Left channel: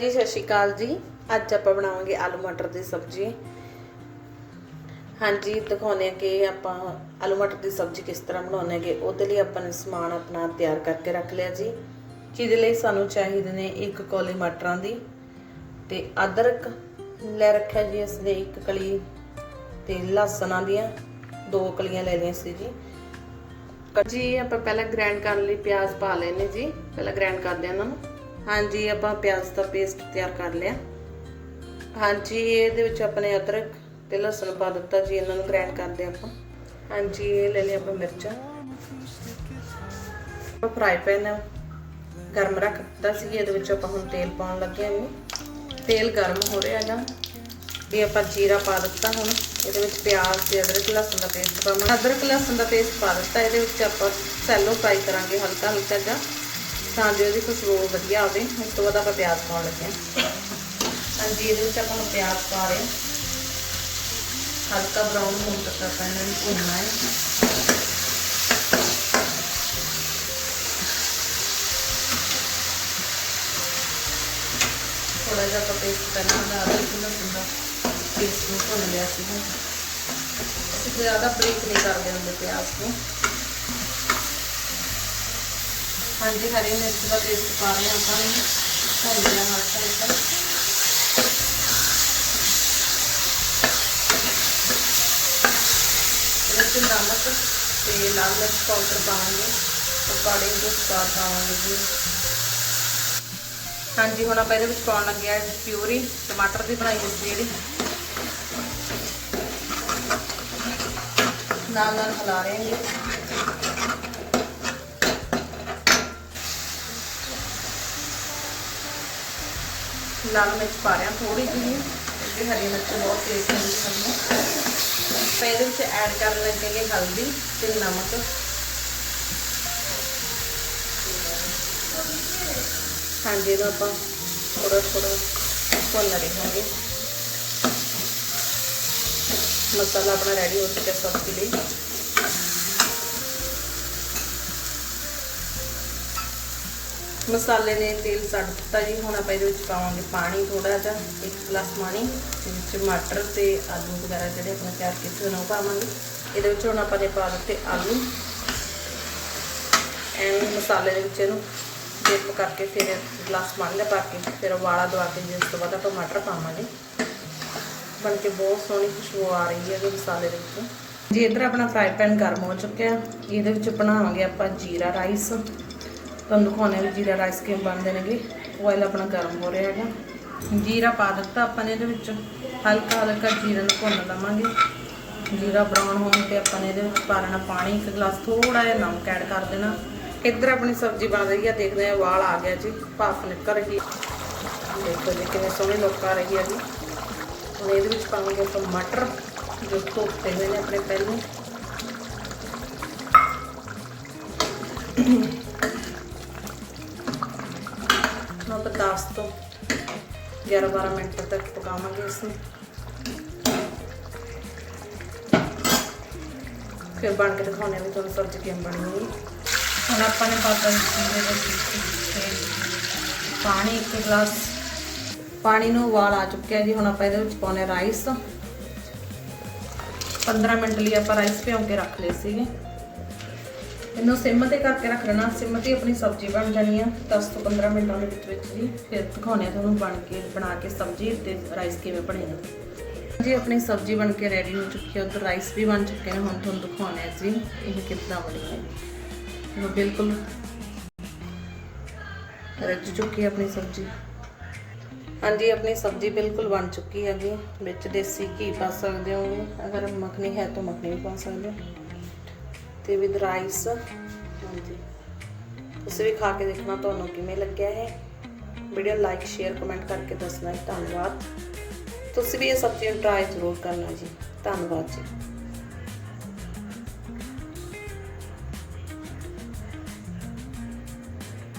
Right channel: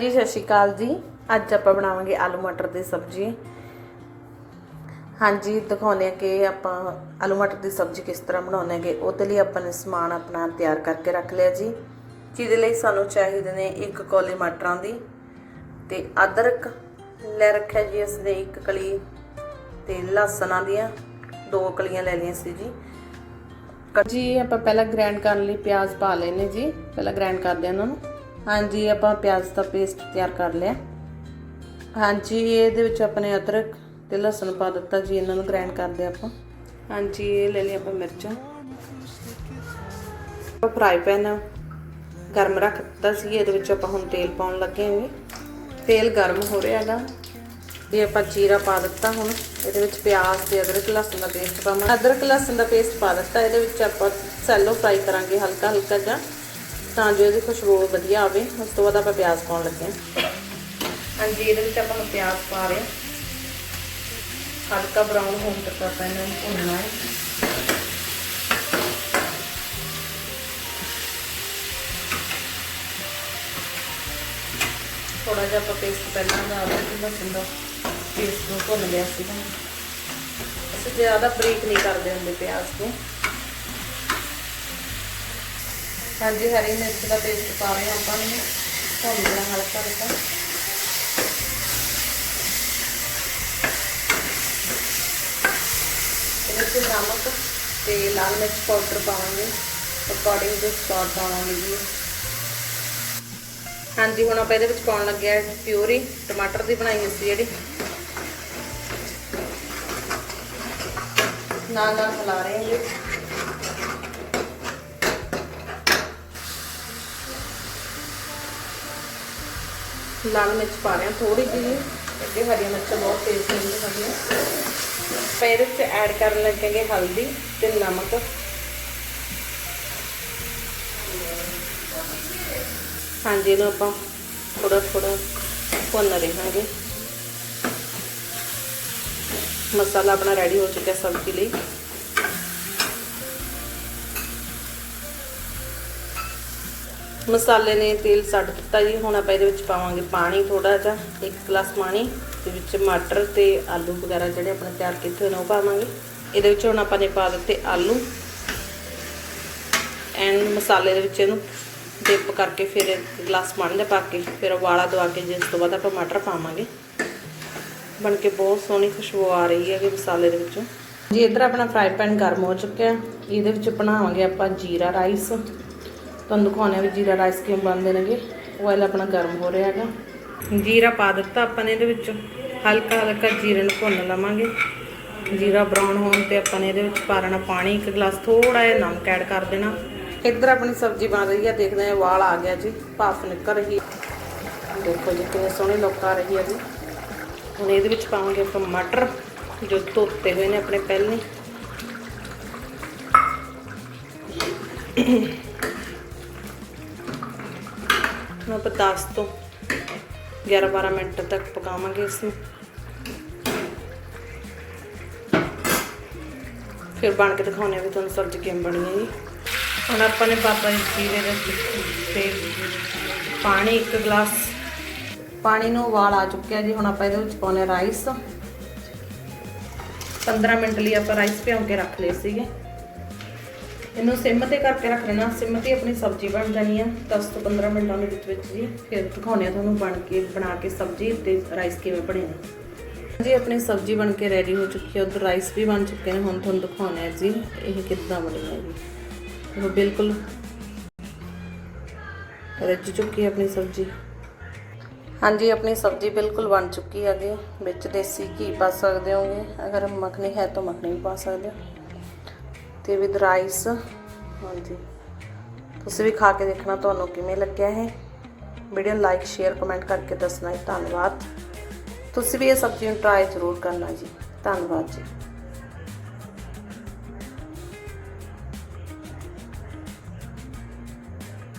ਜੀ, ਸਤਿ ਸ਼੍ਰੀ ਅਕਾਲ ਜੀ। ਅੱਜ ਆਪਾਂ ਬਣਾਵਾਂਗੇ ਆਲੂ ਮਟਰ ਦੀ ਸਬਜ਼ੀ। ਹਾਂਜੀ ਦਿਖਾਉਣੇ ਕਿ ਆਪਾਂ ਆਲੂ ਮਟਰ ਦੀ ਸਬਜ਼ੀ ਕਿਸ ਤਰ੍ਹਾਂ ਬਣਾਉਂਦੇ ਹੈਗੇ। ਉਹਦੇ ਲਈ ਆਪਾਂ ਨੇ ਸਮਾਨ ਆਪਣਾ ਤਿਆਰ ਕਰਕੇ ਰੱਖ ਲਿਆ ਜੀ। ਜਿਹਦੇ ਲਈ ਸਾਨੂੰ ਚਾਹੀਦੇ ਨੇ ਇੱਕ ਕੌਲੀ ਮਟਰਾਂ ਦੀ ਤੇ ਅਦਰਕ ਲੈ ਰੱਖਿਆ ਜੀ ਅਸੀਂ ਇੱਕ ਕਲੀ ਤੇ ਲਸਣਾਂ ਦੀਆਂ। ਦੋ ਕਲੀਆਂ ਲੈ ਲਈਆਂ ਸੀ ਜੀ। ਜੀ, ਆਪਾਂ ਪਹਿਲਾਂ ਗ੍ਰਾਈਂਡ ਕਰਨ ਲਈ ਪਿਆਜ਼ ਪਾ ਲੈਨੇ ਜੀ। ਪਹਿਲਾਂ ਗ੍ਰਾਈਂਡ ਕਰਦੇ ਹਾਂ ਉਹਨਾਂ ਨੂੰ। ਹਾਂਜੀ, ਆਪਾਂ ਪਿਆਜ਼ ਦਾ ਪੇਸਟ ਤਿਆਰ ਕਰ ਲਿਆ। ਹਾਂਜੀ, ਇਹਦੇ ਵਿੱਚ ਆਪਣੇ ਅਦਰਕ ਤੇ ਲਸਣ ਪਾ ਦਿੱਤਾ ਜੀ, ਇਹਨਾਂ ਨੂੰ ਗ੍ਰਾਈਂਡ ਕਰਦੇ ਆਪਾਂ। ਹਾਂਜੀ, ਇਹ ਲੈ ਲਿਆ ਆਪਾਂ ਮਿਰਚਾਂ। ਆਪਾਂ ਫਰਾਈ ਪੈਨ ਗਰਮ ਰੱਖ ਦਿੱਤਾ ਸੀ, ਇਹਦੇ ਵਿੱਚ ਆਪਾਂ ਹੁਣ ਤੇਲ ਪਾਉਣ ਲੱਗੇ ਹਾਂ ਤੇਲ ਗਰਮ ਹੋ ਰਿਹਾ ਹੈਗਾ ਵੀ ਆਪਾਂ ਜੀਰਾ ਪਾ ਦਿੱਤਾ ਹੁਣ, ਇਹਦੇ ਵਿੱਚ ਪਿਆਜ਼ ਤੇ ਅਦਰਕ, ਲਸਣ ਦਾ ਪੇਸਟ ਪਾਵਾਂਗੇ। ਅਦਰਕ, ਲਸਣ ਦਾ ਪੇਸਟ ਪਾ ਦਿੱਤਾ, ਇਹਦੇ ਵਿੱਚ ਆਪਾਂ ਸੈਲੋ ਫਰਾਈ ਕਰਾਂਗੇ ਹਲਕਾ ਹਲਕਾ ਜਿਹਾ। ਤਾਂ ਜੋ ਇਹਦੀ ਖੁਸ਼ਬੂ ਵਧੀਆ ਆਵੇ, ਉਸ ਤੋਂ ਬਾਅਦ ਆਪਾਂ ਪਿਆਜ਼ ਪਾਉਣ ਲੱਗੇ ਹਾਂ। ਹਾਂਜੀ, ਇਹਦੇ ਵਿੱਚ ਆਪਾਂ ਹੁਣ ਪਿਆਜ਼ ਪਾ ਰਹੇ ਹਾਂ। ਹਲਕਾ ਬਰਾਊਨ ਹੋਣ ਤੱਕ ਆਪਾਂ ਇਹਨਾਂ ਭੁੰਨਣਾ ਹੈ। ਥੋੜਾ ਜਿਹਾ ਆਪਾਂ ਪੇਸਟ ਕਰਨਾ ਹੈ ਅਦਰਕ ਲਸਣ ਦਾ ਪੇਸਟ ਨੂੰ ਭੁੰਨ ਲਿਆ ਸੀ ਅਸੀਂ ਜ਼ਿਆਦਾ ਬਰੀਕ ਨਹੀਂ ਕਰਦੇ ਹੁੰਦੇ ਪਿਆਜ਼ ਨੂੰ। ਹਾਂਜੀ, ਹਰੀ ਮਿਰਚ ਦਾ ਪੇਸਟ ਪਾ ਰਹੇ ਹਾਂ ਆਪਾਂ ਨੇ ਭੁੰਨ ਲਿਆ ਹਲਕਾ ਹਲਕਾ ਇਹਦੇ ਵਿੱਚ ਨਮਕ ਤੇ ਲਾਲ ਮਿਰਚ ਪਾਊਡਰ ਪਾਵਾਂਗੇ। ਅਕੋਰਡਿੰਗ ਟੂ ਸਵਾਦ ਪਾਵਾਂਗੇ ਜੀ। ਹਾਂਜੀ, ਹੁਣ ਆਪਾਂ ਇਹਦੇ ਵਿੱਚ ਪਾਉਣ ਲੱਗੇ ਆ ਪਿਊਰੀ। ਟਮਾਟਰ ਦੀ ਬਣਾਈ ਹੋਈ ਸੀ ਜਿਹੜੀ। ਨਾਲ ਨਾਲ ਹਿਲਾ ਰਹੇ ਹਾਂ ਲਾਲ ਮਿਰਚ ਪਾ ਰਹੇ ਹਾਂ ਥੋੜੀ ਜਿਹੀ ਅੱਗੇ ਹਰੀ ਮਿਰਚ ਬਹੁਤ ਤੇਜ਼ ਹੁੰਦੀ ਹੈ ਤਾਂ ਇਹਦੇ ਵਿੱਚ ਐਡ ਕਰਨ ਲੱਗਾਂਗੇ ਹਲਦੀ ਤੇ ਨਮਕ। ਹਾਂਜੀ, ਇਹਨੂੰ ਆਪਾਂ ਥੋੜਾ ਥੋੜਾ ਭੁੰਨ ਰਹੇ ਮਸਾਲਾ ਆਪਣਾ ਰੈਡੀ ਹੋ ਚੁੱਕਾ ਸਬਜ਼ੀ ਲਈ। ਮਸਾਲੇ ਨੇ ਤੇਲ ਛੱਡ ਦਿੱਤਾ ਜੀ। ਹੁਣ ਆਪਾਂ ਇਹਦੇ ਵਿੱਚ ਪਾਵਾਂਗੇ ਪਾਣੀ ਥੋੜਾ ਜਿਹਾ, ਇੱਕ ਗਲਾਸ ਪਾਣੀ ਤੇ ਵਿੱਚ ਮਟਰ ਤੇ ਆਲੂ ਵਗੈਰਾ ਜਿਹੜੇ ਆਪਾਂ ਤਿਆਰ ਕੀਤੇ ਹੋਏ ਨੇ ਉਹ ਪਾਵਾਂਗੇ। ਇਹਦੇ ਵਿੱਚ ਹੁਣ ਆਪਾਂ ਨੇ ਪਾ ਦਿੱਤੇ ਆਲੂ। ਐਂਡ ਮਸਾਲੇ ਦੇ ਵਿੱਚ ਇਹਨੂੰ ਡਿਪ ਕਰਕੇ ਫਿਰ ਗਲਾਸ ਪਾਣੀ ਦਾ ਪਾ ਕੇ ਫਿਰ ਉਬਾਲਾ ਦਵਾ ਕੇ ਜਿਸ ਤੋਂ ਬਾਅਦ ਆਪਾਂ ਮਟਰ ਪਾਵਾਂਗੇ। ਬਣ ਕੇ ਬਹੁਤ ਸੋਹਣੀ ਖੁਸ਼ਬੂ ਆ ਰਹੀ ਹੈ ਇਹ ਮਸਾਲੇ ਦੇ ਵਿੱਚੋਂ। ਜੀ ਇਧਰ ਆਪਣਾ ਫਰਾਈ ਪੈਨ ਗਰਮ ਹੋ ਚੁੱਕਿਆ, ਇਹਦੇ ਵਿੱਚ ਬਣਾਵਾਂਗੇ ਆਪਾਂ ਜੀਰਾ ਰਾਈਸ। ਤੁਹਾਨੂੰ ਦਿਖਾਉਣੇ ਵੀ ਜੀਰਾ ਰਾਈਸ ਕਿਵੇਂ ਬਣਦੇ ਨੇਗੇ। ਆਇਲ ਆਪਣਾ ਗਰਮ ਹੋ ਰਿਹਾ ਹੈਗਾ। ਜੀਰਾ ਪਾ ਦਿੱਤਾ ਆਪਾਂ ਨੇ ਇਹਦੇ ਵਿੱਚ। ਹਲਕਾ ਹਲਕਾ ਜੀਰੇ ਨੂੰ ਭੁੰਨ ਲਵਾਂਗੇ। ਜੀਰਾ ਬਰਾਊਨ ਹੋਣ ਤੇ ਆਪਾਂ ਨੇ ਇਹਦੇ ਵਿੱਚ ਪਾ ਲੈਣਾ ਪਾਣੀ। ਇੱਕ ਗਲਾਸ ਥੋੜਾ ਜਿਹਾ ਨਮਕ ਐਡ ਕਰ ਦੇਣਾ। ਇੱਧਰ ਆਪਣੀ ਸਬਜ਼ੀ ਬਣ ਰਹੀ ਹੈ ਦੇਖਦੇ ਹਾਂ ਵਾਲ ਆ ਗਿਆ ਜੀ। ਭਾਫ ਨਿਕਲ ਰਹੀ ਦੇਖੋ ਜੀ ਕਿੰਨੇ ਸੋਹਣੇ ਲੋਕ ਆ ਰਹੀ ਹੈ ਜੀ। ਹੁਣ ਇਹਦੇ ਵਿੱਚ ਪਾਵਾਂਗੇ ਆਪਾਂ ਮਟਰ, ਜੋ ਧੋਤੇ ਹੋਏ ਨੇ ਆਪਣੇ ਪਹਿਲੇ। ਆਪਾਂ 10 ਤੋਂ 11-12 ਮਿੰਟ ਤੱਕ ਪਕਾਵਾਂਗੇ ਇਸ ਨੂੰ ਫਿਰ ਬਣ ਕੇ ਦਿਖਾਉਣੇ ਵੀ ਤੁਹਾਨੂੰ ਸਬਜ਼ੀ ਕਿਵੇਂ ਬਣੀ ਹੈ। ਜੀ ਹੁਣ ਆਪਾਂ ਨੇ ਪਾਪਾ ਜੀਰੇ ਦੇ ਤੇ ਪਾਣੀ ਇੱਕ ਗਲਾਸ ਪਾਣੀ ਨੂੰ ਉਬਾਲ ਆ ਚੁੱਕਿਆ ਜੀ। ਹੁਣ ਆਪਾਂ ਇਹਦੇ ਵਿੱਚ ਪਾਉਣੇ ਰਾਈਸ 15 ਮਿੰਟ ਲਈ ਆਪਾਂ ਰਾਈਸ ਭਿਉਂ ਕੇ ਰੱਖ ਲਏ ਸੀਗੇ। ਇਹਨੂੰ ਸਿਮ ਤੇ ਕਰਕੇ ਰੱਖ ਲੈਣਾ। ਸਿਮ ਤੇ ਆਪਣੀ ਸਬਜ਼ੀ ਬਣ ਜਾਣੀ ਆ। 10 ਤੋਂ 15 ਮਿੰਟਾਂ ਦੇ ਵਿੱਚ ਵਿੱਚ ਜੀ। ਫਿਰ ਦਿਖਾਉਣੇ ਆ ਤੁਹਾਨੂੰ ਬਣ ਕੇ, ਬਣਾ ਕੇ ਸਬਜ਼ੀ ਤੇ ਰਾਈਸ ਕਿਵੇਂ ਬਣੇ ਨੇ। ਜੀ ਆਪਣੀ ਸਬਜ਼ੀ ਬਣ ਕੇ ਰੈਡੀ ਹੋ ਚੁੱਕੀ ਹੈ ਉਧਰ ਰਾਈਸ ਵੀ ਬਣ ਚੁੱਕੇ ਨੇ। ਹੁਣ ਤੁਹਾਨੂੰ ਦਿਖਾਉਣੇ ਆ ਜੀ, ਇਹ ਕਿੱਦਾਂ ਬਣੀ ਹੈ ਜੀ। ਉਹ ਬਿਲਕੁਲ ਰੱਜ ਚੁੱਕੀ ਹੈ ਆਪਣੀ ਸਬਜ਼ੀ। ਹਾਂਜੀ, ਆਪਣੀ ਸਬਜ਼ੀ ਬਿਲਕੁਲ ਬਣ ਚੁੱਕੀ ਹੈਗੀ। ਵਿੱਚ ਦੇਸੀ ਘੀ ਪਾ ਸਕਦੇ ਹੋਗੇ ਅਗਰ ਮੱਖਣੀ ਹੈ ਤਾਂ ਮੱਖਣੀ ਵੀ ਪਾ ਸਕਦੇ ਹੋ। ਤੇ ਵਿਦ ਰਾਈਸ ਹਾਂਜੀ। ਤੁਸੀਂ ਵੀ ਖਾ ਕੇ ਦੇਖਣਾ ਤੁਹਾਨੂੰ ਕਿਵੇਂ ਲੱਗਿਆ ਹੈ ਵੀਡੀਓ ਲਾਈਕ ਸ਼ੇਅਰ ਕਮੈਂਟ ਕਰਕੇ ਦੱਸਣਾ ਜੀ। ਧੰਨਵਾਦ। ਤੁਸੀਂ ਵੀ ਇਹ ਸਬਜ਼ੀਆਂ ਨੂੰ ਟਰਾਈ ਜ਼ਰੂਰ ਕਰਨਾ ਜੀ। ਧੰਨਵਾਦ ਜੀ।